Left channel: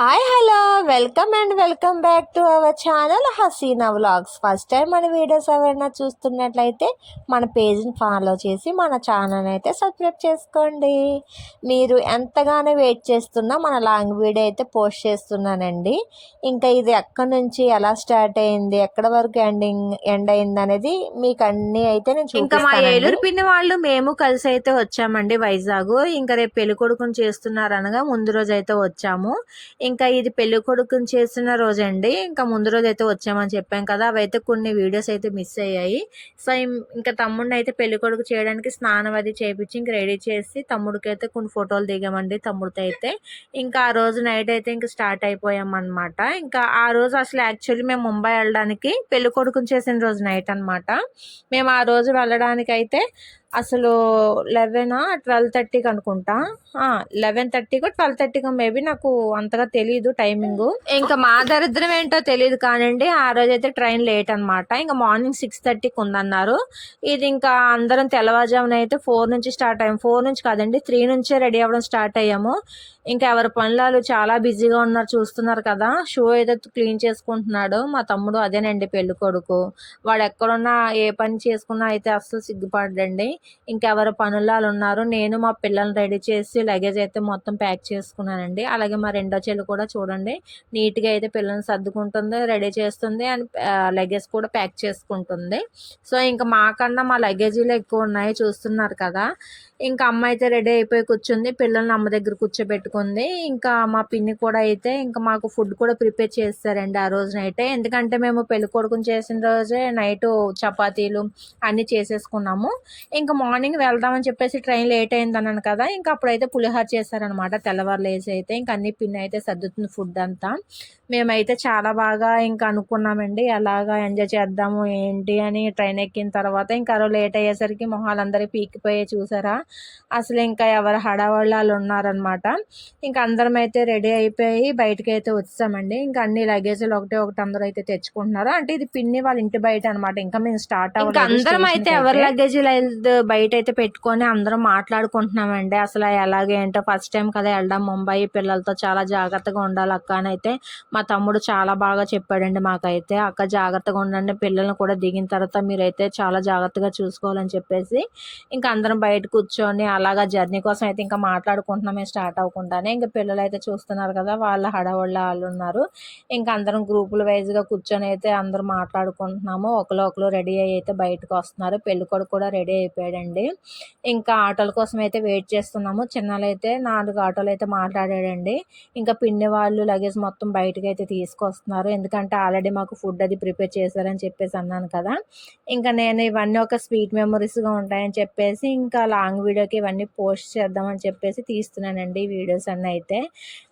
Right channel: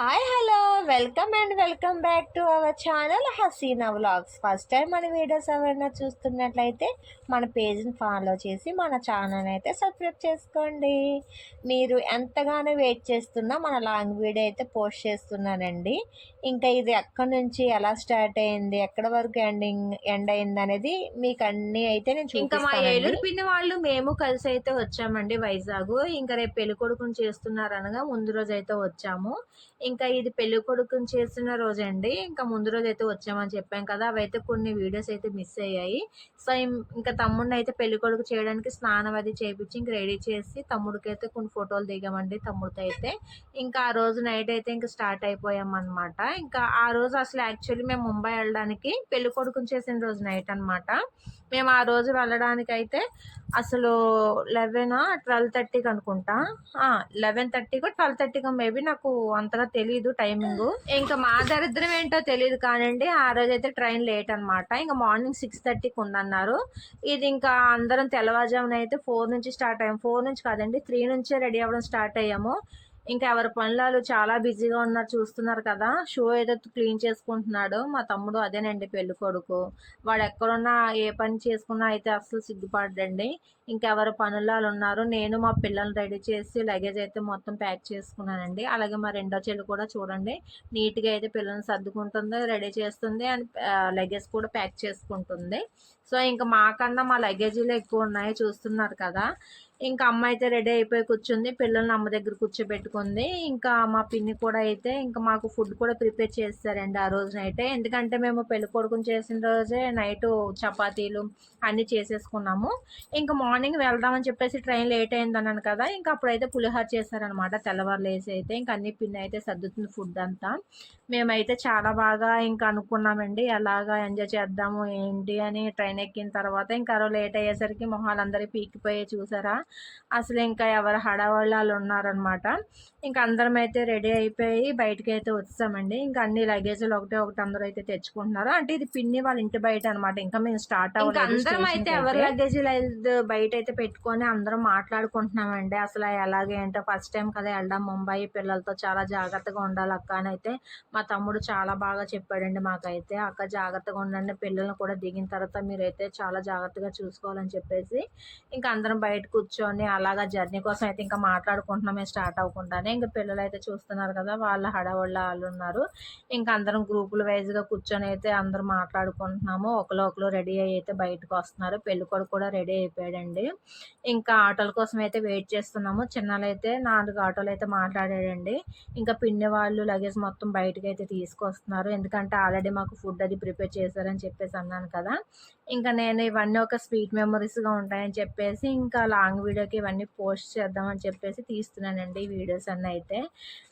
Hi hello welcome and welcome back to our channel Haseena vlogs. First time మన videos ఎవరైనా చూస్తున్నట్లయితే మన పేజ్ని follow చేసి మన ఛానల్ అయితే సబ్స్క్రైబ్ చేసుకోండి. మీరు ఎంతగానో వెయిట్ చేస్తున్నా మన లాంగ్ వీడియో అయితే పోస్ట్ చేస్తున్నానండి. ఇంకా ఇది ఎక్కడి నుంచి ఎలా స్టార్ట్ అయింది, ఎక్కడ వరకు ఎండ్ అయింది అనేది మీకు అన్నీ అయితే నేను చూపిస్తాను. ఇంకా మా ఏలూరు పిన్ని వాళ్ళు మేము కలిసి అయితే వచ్చామండి వైజాగ్. ఇంకా రేపు పెళ్లి కొడుకుని చేస్తున్నారు అనగా ముందు రోజు అయితే వచ్చాము. ఇంకా ఇది పెళ్లి కొడుకుని చేసిన రోజండి. ఇంకా ముందు రోజు అయితే వచ్చామని చెప్పాం కదా, అవైతే కొన్ని వీడియోస్ అయితే మిస్ అయ్యాయి. సో ఇంకా తమ్ముడిని అయితే పెళ్లి కొడుకు చేయడానికి స్నానం అది చేయించి ఇంక రెడీ చేసి తమ్ముడికి అయితే కొన్ని ఫోటోలు దిగామండి తమ్ముడితో అయితే. ఇంకా ఆ రోజు నైట్ అయితే ఇంకా స్టార్ట్ అయిపోయాం అనమాట. ఇంకా ఆ రోజు అసలు యాక్చువల్లీ మేము ముంబై వెళ్ళడానికి పెళ్లి కొడుకుని చేసిన రోజు నైట్ అనమాట. మేము ఆ రోజు వెళ్ళడానికి అయితే అసలు 12:30కి అనుకుంటా, 11:30కో 12:30కో మేబీ, నాకు అంతగా తెలీదు టైమింగ్. ఇంకా మా దరిద్రం ఏంటో తెలియదు కానండి, ఆ రోజు అయితే ట్రైన్ లేట్ అనమాట. ఇంకా మార్నింగ్ 6:30కి ఉందన్నారు. ఇది ఇంకా అందరం తెల్లవారుజామున అయితే 4 నుంచి స్టార్ట్ అయ్యాము. 4 నుంచి కాదండి, 3 నుంచే రెడీ అవ్వడం స్టార్ట్ అయ్యాము. ఇంకా ఎవరి పనులు చాలా బిజీగా ఉన్నారు, చూస్తున్నారు కదా. షూ ఏదో క్లీన్ చేసుకుంటున్నాడు మా తమ్ముడు, అదేనండి పెళ్లి కొడుకు. వాడు ఎక్కడున్నా ఏ పని చేసుకున్నా అయితే అస్సలు సిగ్గుపడండి. ఇంకెవరి పనులు ఉన్నారు. నేను మా పిల్లల్ని రెడీ చేసి లగేజ్ అయితే మొత్తం ప్యాక్ చేసుకున్నానండి. అలాగే మా రెండో చెల్లి కూడా చూడండి నీట్గా అయితే పిల్లల్ని సర్దుకుంటుంది, రెడీ చేస్తుంది అండ్ లగేజ్ కూడా ప్యాక్ చేసుకుంటుంది. సో ఇంకా మాకన్నా మా లగేజీలు ఎక్కువ ఉన్నాయి, చూస్తున్నారు కదా. ఇంకా అమ్మ అయితే రెడీ అయిపోయి కూర్చుంది, పిల్లల్ని అమ్మ దగ్గర కూర్చోబెట్టుకుంది. ఇంకా మా పిన్ని కూడా అయితే ఇంకా మాకు ఫుడ్ కూడా ప్రిపేర్ చేస్తారండి ఆ రోజు నైటే. ఎందుకంటే మేము పెళ్లి కొడుకుని చేసిన రోజే నైట్ చపాతీలు అన్నీ చేసేసుకున్నాము. ఇంకా మార్నింగ్ వెళ్దామని చెప్పేసి ట్రైన్ లేట్ అయింది అన్నాను కదా, ఇంకా అప్పుడైతే పులిహోర చేశారనమాట తెల్లవారులు వేసి అయితే. ఇంకా అన్ని పిన్ని అయితే సర్దుతుంది ఫుడ్ అంతా. మేమైతే చాలా బాగా ఇంకా అనుకున్నామండి ఎలాగా ఎంజాయ్ చేద్దాము ఏంటి అని. ట్రైన్ ఎక్కిన తర్వాత ఇంకా లేట్ అయ్యేసరికి మొహాలందరూ పీకిపోయి చూసారా, అసలు ఇంకా ఎవరు హడావాళ్ళు ఉన్నారనమాట. ఇంకా అందరం అయితే రెడీ అయిపోయి బయటకి అయితే వచ్చామండి. ఇంకా అన్ని లగేజీలు ఒకటి అందరూ అయితే తెచ్చుకుంటున్నారు. అంటే ఇది పిన్ని వాళ్ళ ఇంటి బయట అనమాట, ఇంకా మేము స్టార్ట్ అవ్వలేదు. అందరం అయితే ఎవరి లగేజీలు బయట అయితే పెట్టుకొని అందరం మాట్లాడుకుంటున్నామండి. అసలు ఎలాగేంటో ఫస్ట్ టైం కదా వెళ్ళడం ముంబై, పిల్లలతో చాలా జాగ్రత్తగా ఉండాలి అక్క అని అయితే మా తమ్ముడు చాలా బాగా చెప్పాడండి మాకైతే. అక్క జాగ్రత్తగా ఉండండి, పిల్లల్ని కూడా దిగిన తర్వాత మీరైతే చాలా జాగ్రత్తగా చూసుకోవాలని చెప్పేసి ఇంకా అందరం బయట కూర్చొని అలాగా జర్నీ కోసం అయితే ఇంకా మాట్లాడుకుంటున్నామే స్టార్ట్ అవ్వకుండానే. ఇంకా పిల్లలు అయితే చూస్తున్నారు కదా, వాళ్ళ హడావుళ్ళ వాళ్ళు ఉన్నారు. ఇంకా అందరం గ్రూపుల వైజ్గా కూర్చొని అయితే అందరూ మాట్లాడుకుంటున్నాము. ఒకరు రెడీ అయ్యి అయితే బయటకు వస్తున్నారు. పెళ్ళికొడుకు కూడా రెడీ అయిపోయాడండి. ఇంకా ఆటోల కోసం అయితే వెయిట్ చేస్తున్నాము. చిన్నలైతే 4 ఆటోలు అయితే మాట్లాడాడండి. ఇంకా పిన్ని వాళ్ళు లగేజ్ మొత్తం బయటకు అయితే తీసుకొస్తున్నారు. ఎందుకంటే ఆల్రెడీ మాకు ఫుడ్ అది ప్రిపేర్ చేశారని చెప్పేసి అన్నాను కదా. ఇంకా నేను ఇవన్నీ ఒక స్వీట్ మెమరీస్గా ఉంటాయని చెప్పేసి ఇంకా లాంగ్ వీడియోకి ఇవన్నీ పోస్ట్ చేద్దామని చెప్పేసి తీస్తున్నానండి ఈ వీడియోస్ అన్నీ అయితే.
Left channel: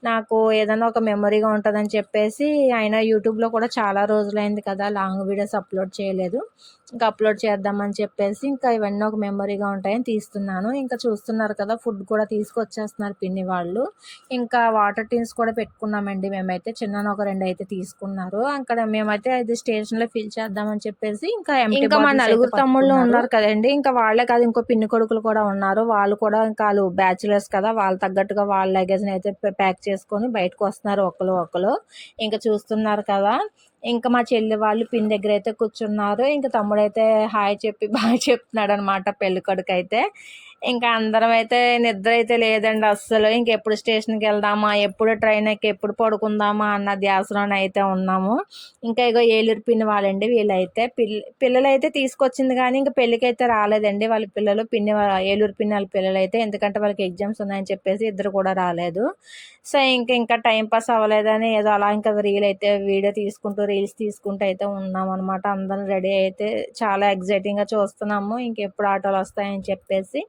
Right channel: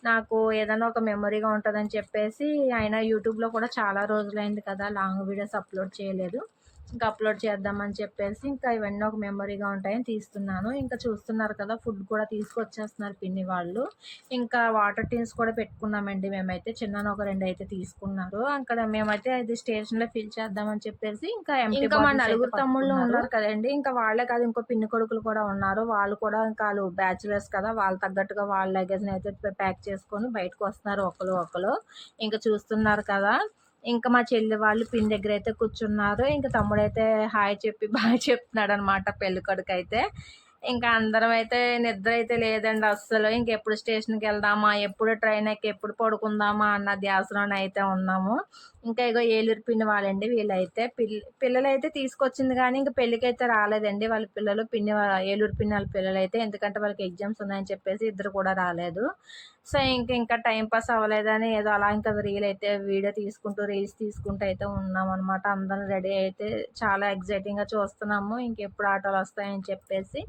నాకు ఏదైనా ఒక మెమరీగా ఉంటుందని చెప్పేసి, అయినా యూట్యూబ్లో కూడా చాలా రోజులైంది కదా లాంగ్ వీడియోస్ అప్లోడ్ చేయలేదు. ఇంకా అప్లోడ్ చేద్దామని చెప్పేసి ఇంకా ఇవన్నీ ఒక మెమరీగా ఉంటాయని తీస్తున్నాను. ఇంకా చూస్తున్నారు కదా, ఫుడ్ కూడా తీసుకొచ్చేస్తున్నారు పిన్ని వాళ్ళు. ఇంకా వాటర్ టిన్స్ కూడా పెట్టుకున్నామండి మేమైతే. చిన్న ఒక 2 అయితే తీసుకున్నారు. అక్కడ మేమైతే అది స్టేషన్లో ఫిల్ చేద్దామని చెప్పేసి ఇంకా మా నలుగురు తమ్ముళ్ళు ఉన్నారు కదండి, ఇంకా వాళ్ళే కాదు ఇంకో పిన్ని కొడుకులు కూడా ఉన్నారు. వాళ్ళు కూడా ఇంకా వాళ్ళు బ్యాచులర్స్ కదా, వాళ్ళు తగ్గట్టుగా వాళ్ళ లగేజ్ని అయితే ప్యాక్ చేసుకొని బయటకు వస్తున్నారు ఒకరు. ఇంకా చూస్తున్నారు కదా. ఇంకా మా చెల్లి వాళ్ళు పిన్ని దగ్గర అయితే కూర్చున్నారు. ఇంకా తమ్ముడైతే హాయ్ చెప్పి బాగా చెప్తున్నాడు అనమాట పెళ్లి కొడుకు అయితే. ఇంకా అందరం అయితే నిద్ర అయితే లేదండి అస్సలు. ఇంకెప్పుడు స్టేషన్కి వెళ్దామా, ఎప్పుడు ట్రైన్ ఎక్కి ఎప్పుడు పడుకుందామా అన్న ధ్యాసలోనే అయితే ఉన్నాము. ఇంకా ఇగో ఏలూరు పిన్ని వాళ్ళండి వీళ్ళైతే. పిల్లలు అయితే తీసుకొచ్చింది కానీ ఇంకా పెళ్ళికి అయితే రాలేదండి వాళ్ళ పిల్లలు. ఏలూరు పిన్ని వాళ్ళ పిల్లలు అయితే, ఎందుకంటే వాళ్ళకి ఎగ్జామ్స్ ఉన్నాయని చెప్పేసి ఇద్దరు కూడా రాలేదు. సో ఇంకా టైం పాస్ అవ్వలేదని ఏదో అలా ఇంకా రీల్స్ తీసుకుంటూ అయితే ఉన్నాం అనమాట. అందరం రెడీ అయితే చాలా ఎగ్జైటింగ్గా చూస్తున్నాము ఇంకెప్పుడు ఆటోలు వస్తాయని చెప్పేసి.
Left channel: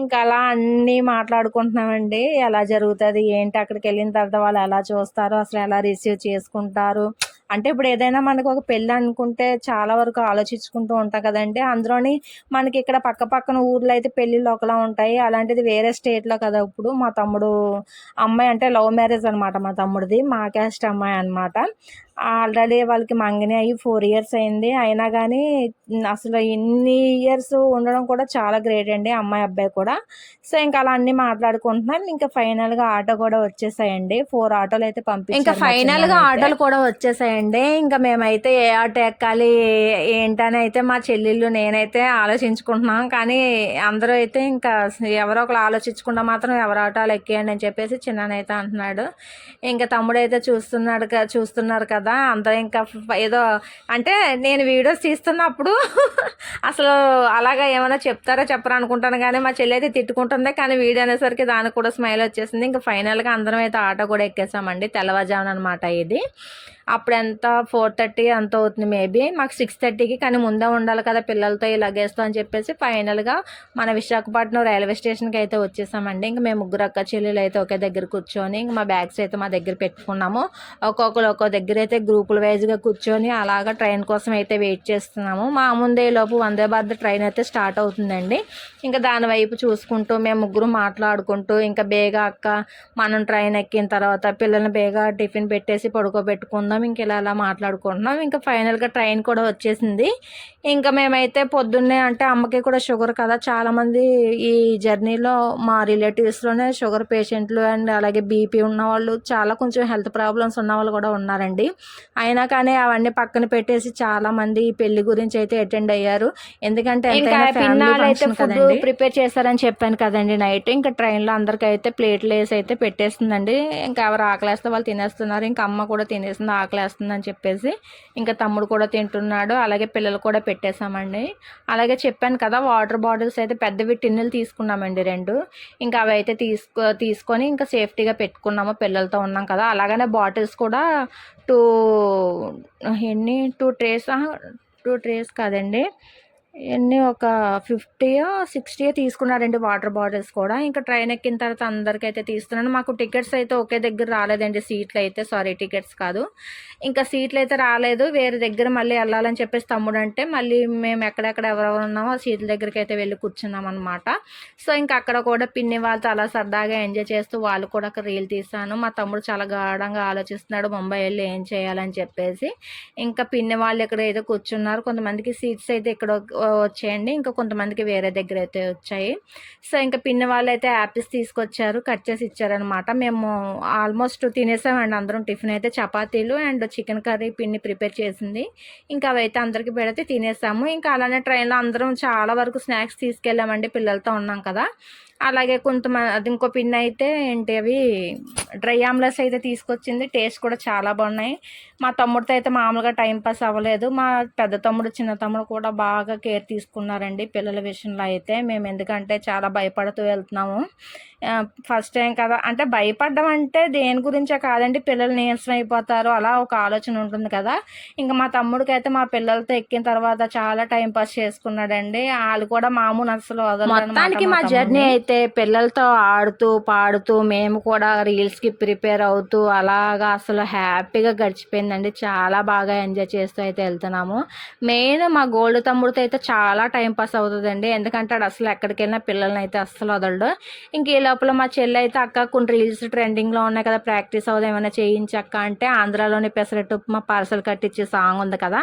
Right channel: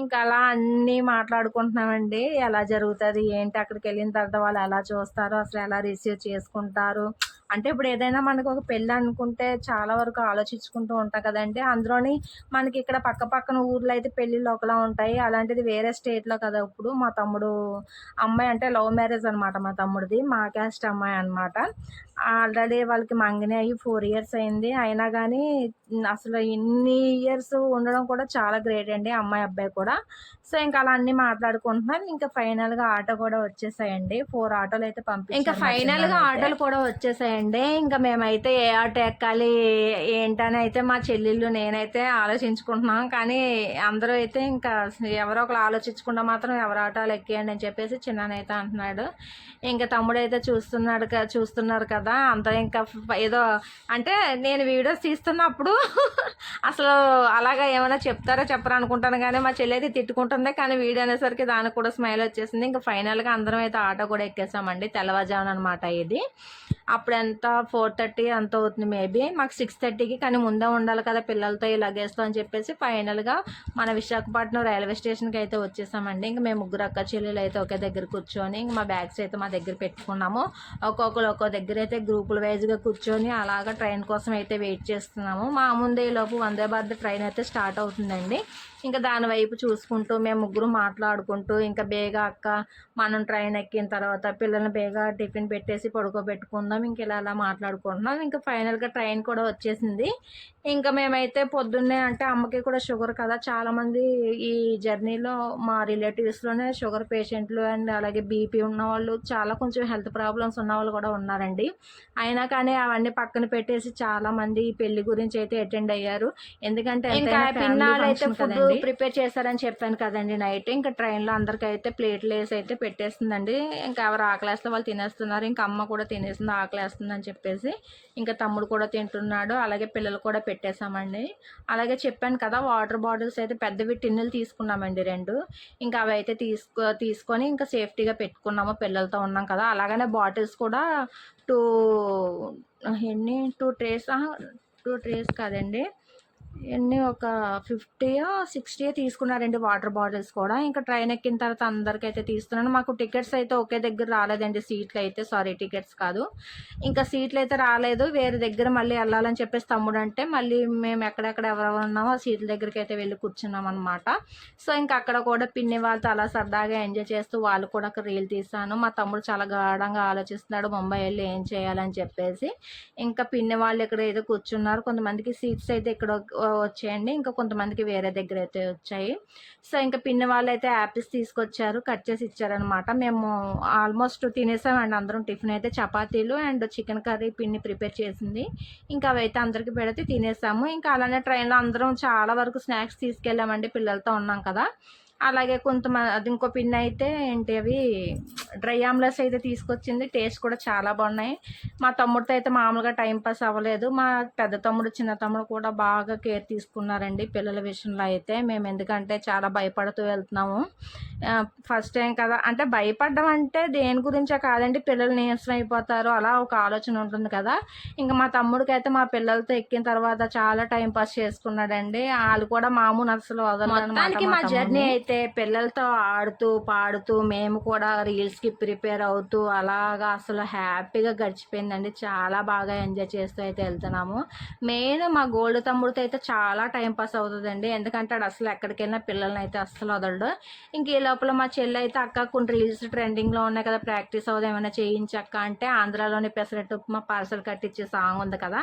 ఇంకా అలా అన్నీ మాట్లాడుకుంటున్నామండి, ఎలా జరుగుతుంది ఏంటి, అక్కడికి వెళ్ళిన తర్వాత వాళ్ళు ఎలా చూస్తారు, అసలు ఎలా రిసీవ్ చేసుకుంటారు, అంటే ఇప్పుడు ఏదైనా మనకు ఒక పెళ్ళి అనుకుంటే చాలా వరకు ఆలోచించుకుంటూ ఉంటాం కదండి. అందులోని మనకి ఇక్కడ పక్క పక్కన ఊర్లో అయితే పెళ్ళిళ్ళు ఒకలా ఉంటాయి. అలాంటిది వేరే స్టేట్‌లో కదా! ఇప్పుడు మా తమ్ముడు అమ్మాయి అంటే లవ్ మ్యారేజ్ అనమాట మా తమ్ముడిది. మా క్యాస్ట్ అమ్మాయి అనమాట. ఆల్రెడీ వాళ్ళకి మంగని అయ్యి 4 ఇయర్స్ అయింది. అయినా గానీ అసలు ఇన్ని ఇయర్స్ ఉండడం కూడా చాలా గ్రేట్ అండి అమ్మాయి, అబ్బాయి కూడా. సో, ఇంక అలా అన్నీ మాట్లాడుకుంటున్నాం. ఇంకా ఫైనల్‌గా ఆటో కూడా వచ్చేసాయండి. 4 ఆటోలయితే పంపించారు. ఇంకా ఫైనల్‌గా ఆటోలు కూడా వచ్చేసాయండి. ఇంకా మేమైతే ఏ ఆటో ఎక్కాలి ఏంటని అయితే మా చెల్లెళ్ళు, నేనైతే ఆలోచించుకుంటున్నాం. కానీ అందరూ అయితే ఇంకా ఎవరో ఒకళ్ళు ఆలోచించకుండా మాత్రం ఎవరి ఆటోలు ఎక్కేయండి అని చెప్పేసి చిన్నానైతే అంటున్నాడు. ఇంకా తమ్ముడైతే చూస్తున్నారు కదా! అందరూ ఇంకా ఏదో అంటే నేను వీడియోస్ తీస్తున్నప్పుడు అసలు అలాగా ఏమైనా చెప్తారో చెప్పరా అనుకుంటాను కానీ మా చెల్లి అయితే తిట్టుకుంటుంది. కానీ వీడియో అనేసరికి దానికి కూడా స్మైల్ వచ్చేసింది. ఇంకా ఫైనల్‌గా అందరం అయితే ఆటో కూడా ఎక్కేసామండి. తెల్లవారుజామున అనమాట ఇది. అప్పుడు ఎంత 4:30 ఎంత అవుతుంది మేబీ. మాకు 6:30కి కానీ ముందే ఉండాలి కదా పిల్లలతో ఈ లగేజ్తో అని చెప్పేసి ఫైనల్‌గా మన విశాఖపట్నం రైల్వే స్టేషన్‌కి అయితే వచ్చేసామండి. ఇంక మేము ముగ్గురు అక్క చెల్లెలు అయితే ఒకే దగ్గర కూర్చొని ఇంక మా బ్యాగ్స్ అయితే మా దగ్గర పెట్టుకున్నాము. ఒక్కొక్కరు ఒక్కో దగ్గర అయితే గ్రూపుల వైజ్గా కూర్చొని అలాగా ట్రైన్ కోసం అయితే వెయిట్ చేస్తున్నాము. మా ముందే లోపు వందే భారత్ ట్రైన్ అయితే స్టార్ట్ అవుతుందండి. ఇంకా దాని వైపు చూసుకుంటూ మేము ముగ్గురు మాట్లాడుకుంటూ ఇంకా బేగా అక్క మనం ట్రైన్ ఎక్కిన తర్వాత పిల్లల్ని బేగా టిఫిన్ పెట్టేసి పడుకోబెట్టుకుందాం ఇంక ఇలా మాట్లాడుకుంటున్నాం. ఇంకా ఫైనల్గా ట్రైన్ కూడా వచ్చేసింది. ఇంకా మేమైతే పొద్దున్నే అంటే అమ్మకి కూడా షుగర్ కదా, చాలామంది ఈ జర్నీలో మా రిలేటివ్స్లోనే షుగర్ పేషెంట్లు అండ్ అలాగే బీపీ ఉన్నవాళ్ళు చాలా కొంచెం హెల్త్ ప్రాబ్లమ్స్ ఉన్నవాళ్ళు కూడా ఉన్నారండి. అయినా కానీ అవన్నీ పక్కన పెట్టేసి చాలామంది ఈ పెళ్లి గురించి అయితే అటెండ్ అయ్యారు. ఎందుకంటే పిన్నాళ్ళు అయితే ఫుడ్ ప్రిపేర్ చేశారని చెప్పాను కదండి నైట్. ఇంకా ట్రైన్లో అందరికైతే ప్లేట్లు వేసి అయితే పెట్టేస్తుందండి. ఇంకా ఎవరు ఆకలేస్తే వాళ్ళు తినేస్తున్నారు. ఇంకా అమ్మ కూడా తినేసింది ఆకలేస్తుంది అని చెప్పేసి. ఇంకా తమ్ముడు కూడా తింటున్నాడు. అలాగే పిల్లలు కూడా పెట్టేశామండి. అలాగే చెప్పాను కదా వాటర్ బాటిల్స్ అయితే పెద్దవి టిన్నులు తీసుకున్నామండి 2. ఇంకా అవి అయితే తీసుకొని ఇంకా సేఫ్టీగా పెట్టుకున్నాము. పిల్లలతో ఉన్నాం కదా. అలాగనే బాటిల్స్ కూడా 2 2 ట్రేస్ 2 ట్రేస్ కాదండి, ఎన్ని ఒక 50యో 60యో తీసుకున్నారండి వాటర్ బాటిల్స్ కూడా. ఇంకా ట్రైన్ ఎక్కిన తర్వాత అందరికైతే తీస్తున్నాను. మాకు టికెట్స్ అయితే ఒకే దగ్గర రాలేదండి. సీట్లు అయితే టికెట్స్ కాదు, ఇంకా సీట్లు అయితే రాలేదు. వేరే దగ్గర మళ్ళీ వెళ్ళాలని చెప్పేసి తమ్ముడు అంటే మళ్ళీ మేము ఎక్కడెక్కడ ఎవరెవరు ఉన్నామో ఆ సీట్ల దగ్గరికి అయితే వెళ్ళి కూర్చున్నాం అనమాట. సో ఇంకా అక్కడ కూడా పిన్ని వాళ్ళతో అలా సరదాగా ఎంజాయ్ చేస్తూ వాళ్ళు కూడా ఒక రీల్ తీసాను. మా తమ్ముడు చాలా గాఢంగా ఆలోచిస్తున్నాడు ముంబై వెళ్ళి ఏం చేయాలని చెప్పేసి. ఇంకా పిన్ని వాళ్ళు ఇక్కడ ఏదో కూర్చున్నారు. కొంతమందికి సీట్స్ అయితే ఇక్కడ వచ్చాయండి, ఇంకా కొంతమందికి వేరే దగ్గర అయితే వచ్చాయి. సో ఇంకా పిన్ని వాళ్ళు అయితే యాపిల్స్ తీసుకొచ్చారు, కట్ చేసి ఇచ్చారనమాట. మేము ఆల్మోస్ట్ తినేసామండి అందరం. టిఫిన్ అయితే చపాతీలు అండ్ చికెన్ కర్రీ పిన్ని ప్రిపేర్ చేసింది. ఇంకా అవైతే అందరికీ పెడితే తినేసాము. ఇంకా అలానే ట్రైన్లో అందరం చాలా వరకు స్నాక్స్ తీసుకెళ్ళామండి, పిల్లలతో ఉన్నాం కదా. అలాగే అది ఇంకో పిన్ అయితే ఏంటి అవి డ్రై ఆమ్లెట్స్ అయితే తీసుకొచ్చింది. టేస్ట్ కూడా చాలా బాగున్నాయి. మా తమ్ముడితో అయితే మామూలుగా టైంపాస్ అవ్వలేదు. మా పెద్ద తమ్ముడు చిన్న తమ్ముడు కూడా బాగా కేర్ తీసుకున్నారండి పిల్లల విషయంలో అయితే. మేము ఎందుకంటే చాలా భయపడుతూ వెళ్తున్నాము. ఫస్ట్ టైం కదా అంటే భయపడడం అంటే దేని గురించే కాదండి, పిల్లలు నీరసం అయిపోతారు అలా ఒక ఆలోచన ఉంటుంది కదా. ఇంకా మా తమ్ముడికి అయితే మా పిల్లలతో ఎక్కిన తర్వాత చాలా టైంపాస్ చేసుకున్నాడండి. వాళ్ళు కూడా మామూలు అసలు వదలడానికి. మా జర్నీ అయితే పిల్లలతో ఆడుతూ పాడుతూ మేము కూడా రీల్స్కి ప్రిపేర్ అవుతూ అలాగా అసలు హ్యాపీగా గడిచిపోయిందండి. చాలా బాగా ఎంజాయ్ చేస్తూ అయితే వెళ్తున్నాము. మెయిన్ మా గోల్డ్ తమ్ముడితో అయితే చాలా టైంపాస్ అవుతుందండి. ఎందుకంటే అడు అసలు ఎక్కడికి వెళ్ళినా పిల్లల్ని అయితే అస్సలు వదలడు. ఇంక ఈ లోపల మా చెల్లి అయితే అక్క కొన్ని రీల్స్ ట్రెండింగ్లో ఉన్నాయి కదా, ప్రాక్టీస్ అవుదాం ఏమైనా చేయించక్క అంటే ఆంధ్రాలోని పెసరట్టు ఉప్మా పార్సల్ కట్టించే సాంగ్ ఉంది కదా,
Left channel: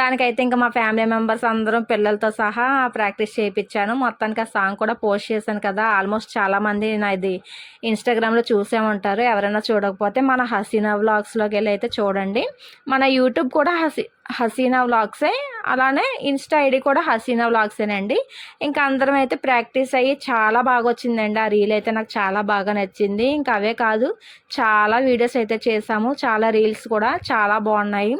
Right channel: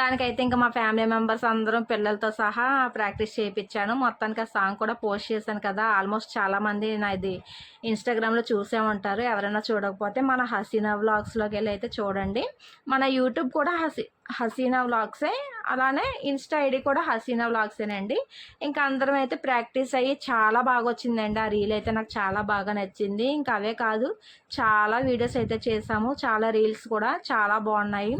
దానికైతే ఇంకా మా ఫ్యామిలీ మెంబర్స్ అందరం పిల్లలతో సహా ప్రాక్టీస్ చేయించాను. మొత్తానికి ఆ సాంగ్ కూడా పోస్ట్ చేశాను కదా. ఆల్మోస్ట్ చాలామంది నాది ఇన్స్టాగ్రామ్లో చూసే ఉంటారు. ఎవరైనా చూడకపోతే మన హసీనా వ్లాగ్స్లోకి వెళ్ళి అయితే చూడండి. మన యూట్యూబ్ కూడా హసీనా వ్లాగ్సే, అలానే ఇన్స్టా ఐడి కూడా హసీనా వ్లాగ్సేనండి. ఇంకా అందరం అయితే ప్రాక్టీస్ అయ్యి చాలా బాగా వచ్చిందండి. ఆ రీల్ అయితే నాకు చాలా బాగా నచ్చింది. ఇంకా అవే కాదు చాలా వీడియోస్ అయితే చేసాము, చాలా రీల్స్ కూడా చాలా బాగున్నాయి.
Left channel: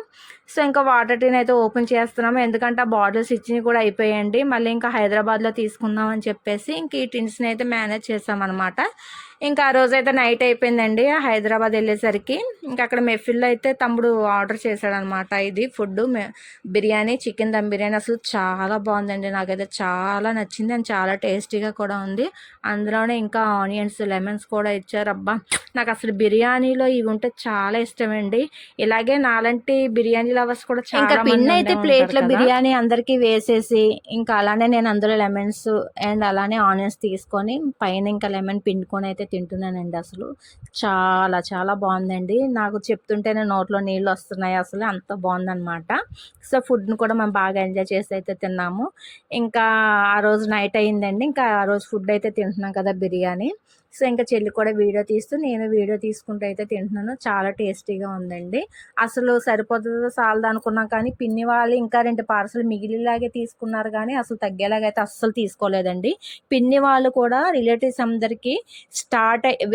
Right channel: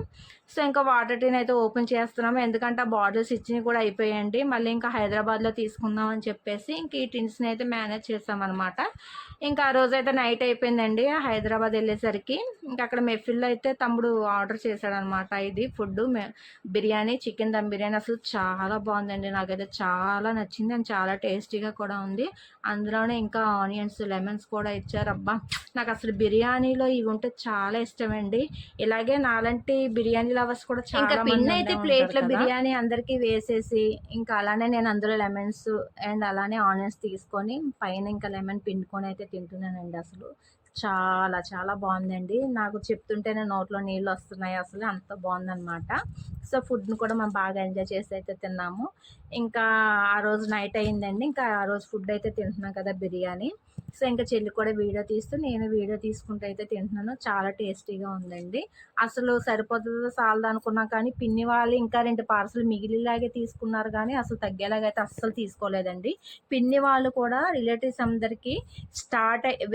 సో ఇంకా వాటర్ టిన్ అయితే ఓపెన్ చేస్తున్నాము, ఎందుకంటే ఆ బాటిల్స్ ఇచ్చినవి కూడా అయిపోయాయండి. మళ్ళీ ఇంకా హైదరాబాద్లో తీసుకుందాం అని చెప్పేసి ఇంక ఈ టిన్స్ని అయితే మేనేజ్ చేసామన్నమాట. ఇంకా ఆ రోజైతే నైట్ అయిపోయిందండి హైదరాబాద్ వెళ్ళేసరికి. ఇంకా అక్కడ మెఫిల్లో అయితే తమ్ముడు ఆర్డర్ చేశాడనమాట. ఇది ఫుడ్ బిర్యానీ, చికెన్ దమ్ బిర్యానీ అసలు చాలా బాగుందండి. నాకైతే చాలా నచ్చింది అండ్ చాలా టేస్టీగా కూడా ఉంది. అందులోనే ఇంకా ఆనియన్స్, లెమన్స్ కూడా ఇచ్చారు. అబ్బా, నాకు అసలు బిర్యానీలో ఇవి ఉంటే చాలా ఇష్టమండి. ఇలాగే నాలాంటి బిర్యానీ లవర్స్ కూడా చాలా పిండి అయితే ప్లేట్లో బిర్యానీ అందరికీ వేసేసి ఇంకా అలానే నేను అందులో లెమన్స్ అండ్ అలానే ఆనియన్స్ తీసుకొని పైన ఇంకా లెమన్ పిండుకొని అయితే తింటున్నానండి. అసలు చాలా చాలా బాగుందండి. నాకు చెప్తుంటేనే నోట్లో నీళ్ళు వస్తున్నాయి. అసలు అంత బాగుందనమాట. సో ఫుడ్ని కూడా మేము బాగా ఎంజాయ్ చేసి అయితే తిన్నాము. ఇంకా ఆ రోజు నైట్ అయిందండి. ఇంకా ఆ రోజు ఫుడ్ అయితే తింటున్నాం కదా, బిర్యానీ. సో ఇంకా చెల్లి కూడా వీడియో తీస్తూ నేను వీడియో తీసుకుంటూ అయితే తింటున్నాను. చాలా టేస్టీగా ఉందండి. అసలు సరిపోతుందో చాలదు అనుకున్నాం, కానీ పిన్ని వాళ్ళు ఇంకా 2 పార్సల్ మిగిలిలాగే తీసుకున్నారు, కానీ అసలు తగ్గేలాగైతే అస్సలు తీసుకోలేదండి. పిన్ని వాళ్ళు కూడా రిలేటివ్స్ అందరికీ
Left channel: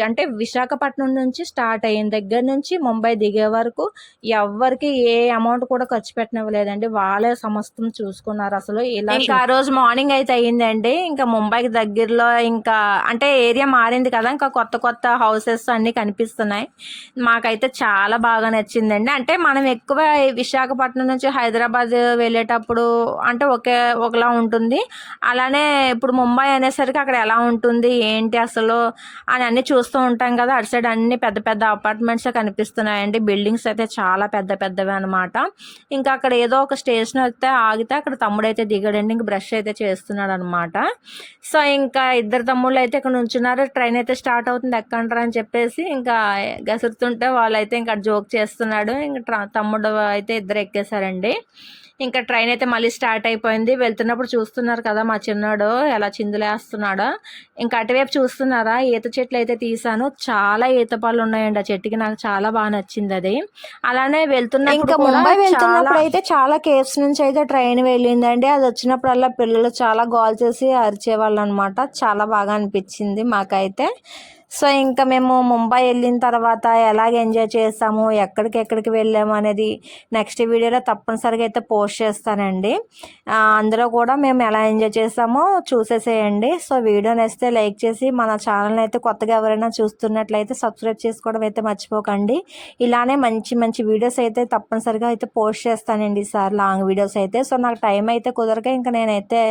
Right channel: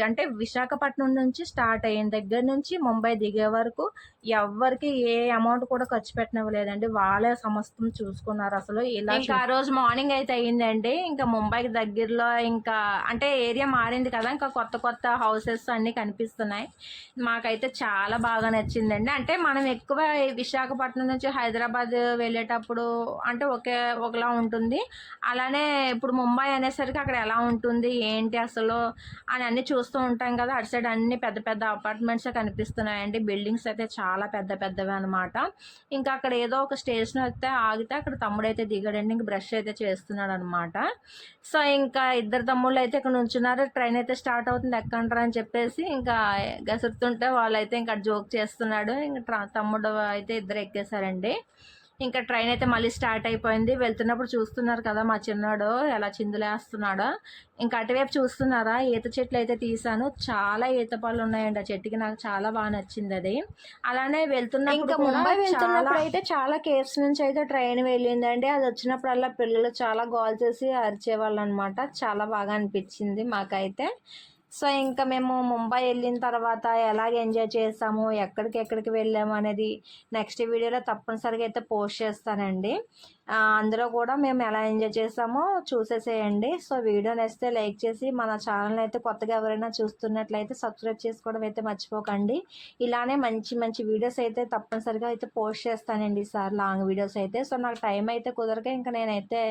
అంటే విశాఖపట్నం నుంచి స్టార్ట్ అయిన దగ్గర నుంచి ముంబై దిగే వరకు ఎవ్వరికి ఏ అమౌంట్ కూడా ఖర్చు పెట్టనివ్వలేదండి. వాళ్ళే సమస్తం చూసుకున్నారు. అసలు ఇలా ఇంకా ఆ రోజు మార్నింగ్ అయితే అయ్యిందండి. ఇంకా ముంబైకి దగ్గరలో ఇంకా అంటే ఏరియా మారింది కదా, ఇంకా కొత్త కొత్త హౌసెస్ అన్నీ కనిపిస్తున్నాయి. మాకైతే చాలా బాగా నచ్చిందండి. అంటే మనం ఎక్కువ విశాఖపట్నం నుంచి హైదరాబాద్ వెళ్ళేటప్పుడు అంటే ఒకలా ఉంటుంది. అలానే ఇప్పుడు ముంబై అనేసరికి అక్కడ ఎలా ఉంటుంది ఏంటి అసలు అని అన్నీ చూస్తూ ఉంటాం కదా. అటు సైడ్ అన్ని పెద్ద పెద్ద అపార్ట్మెంట్సే కనిపిస్తున్నాయండి. బిల్డింగ్స్ అయితే చాలా పెద్ద పెద్దవి అనమాట. ఇంకా అక్కడ ఏదో ఒక స్టేషన్ అయితే ఆగితే అక్కడ తమ్ముడైతే దిగాడండి. ఇంక బ్రష్ అయితే చేస్తున్నాడు అనమాట. సో ఇంకా ఇద్దరు తమ్ముళ్ళు అయితే ఇక్కడ నుంచున్నారు. ట్రైన్ అయితే స్టార్ట్ అవుతుంది, ఎక్కండ్రా అని చెప్పేసి ఇంకా గసురుతుంటే వాళ్ళైతే ఇంకా జోక్ చేస్తున్నాడు. ఇంకా తమ్ముడు అయితే ఇద్దరు ఎక్కేశారండి. ఇంకా ట్రైన్ అయితే మళ్ళీ స్టార్ట్ అయిపోయింది. వెళ్తున్నప్పుడు చూస్తున్నారు కదా మా చిన్నాడు ఎలా చిందులేస్తున్నాడో. ఇంకా అటువైపు చూస్తున్నారా, ఈత చెట్లు అయితే తీసాను. చాలా ఈత పళ్ళు ఉన్నాయండి ఆ చెట్టుకి. నాకు చాలా బాగా నచ్చింది అది. అలానే వెళ్తున్నప్పుడు ముంబై వెళ్తున్నప్పుడు అయితే చాలా కేవ్స్ నుంచి అయితే ట్రైన్ వెళ్ళిందండి. అది వచ్చినప్పుడల్లా పిల్లలు చాలా గోల్ చేసి అరిచేవాళ్ళు అనమాట. చాలా బాగా అనిపించింది మాకైతే. సో ఇంకా మేము ముంబై వెళ్ళిన తర్వాత ఎలాగ ఎంజాయ్ చేస్తాము, ఎక్కడికి వెళ్ళాము అనేది నెక్స్ట్ వీడియోలో తప్పనిసరిగా అయితే పోస్ట్ చేస్తానండి. అందులో కూడా మేము ఎలా ఎంజాయ్ చేస్తామో చూసేసేయండి. సో వీడియో నచ్చితే లైక్ చేసి మన ఛానల్ని అయితే కొత్తగా ఎవరైనా చూస్తున్నట్లయితే సబ్స్క్రైబ్ చేసుకోవడం అయితే మర్చిపోకండి. ఇలానే మంచి మంచి వీడియోస్ అయితే తప్పనిసరిగా అయితే పోస్ట్ చేస్తానండి ఈసారి, లాంగ్ వీడియోస్ అయితే. సో నాకు టైం అయితే కుదరక ఇంకా నేనైతే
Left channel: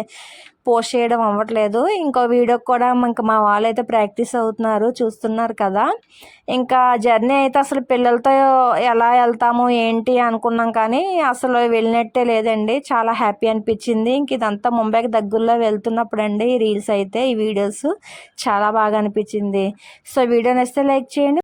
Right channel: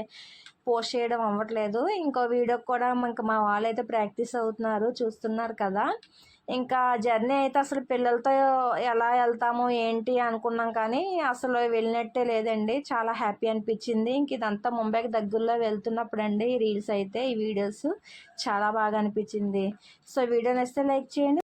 పోస్ట్ చేయడం అవ్వట్లేదు. ఇంకో వీడియోకి కూడా ఇంకా మా వాళ్ళు అయితే ప్రాక్టీస్ అవుతున్నారు, చూస్తున్నారు కదా. ఇంకా జర్నీ అయితే అసలు పిల్లలతో ఎలా వెళ్తాము ఏంటి అనుకున్నాం, కానీ అసలు వెళ్ళినట్టే లేదండి. చాలా హ్యాపీ అనిపించింది. ఇంక ఇదంతా ముంబైకి దగ్గరలో వెళ్తున్నప్పుడు అండి రీల్స్ అయితే ఈ వీడియోస్ చాలా బాగా అనిపించింది. సో వీడియో నచ్చితే లైక్ చేయండి.